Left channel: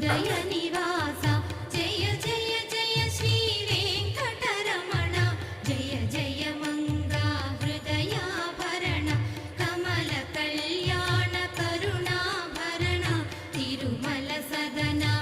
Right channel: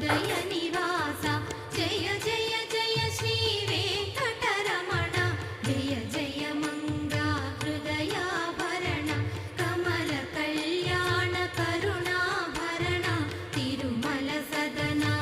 హృదయ నివాస జయ జయ జయ శ్రీ వెంకటరమణ జయ జయ మంగా హృదయాభరణ కమల కళ్యాణ కరుణాభరణ తిరుమల సదనా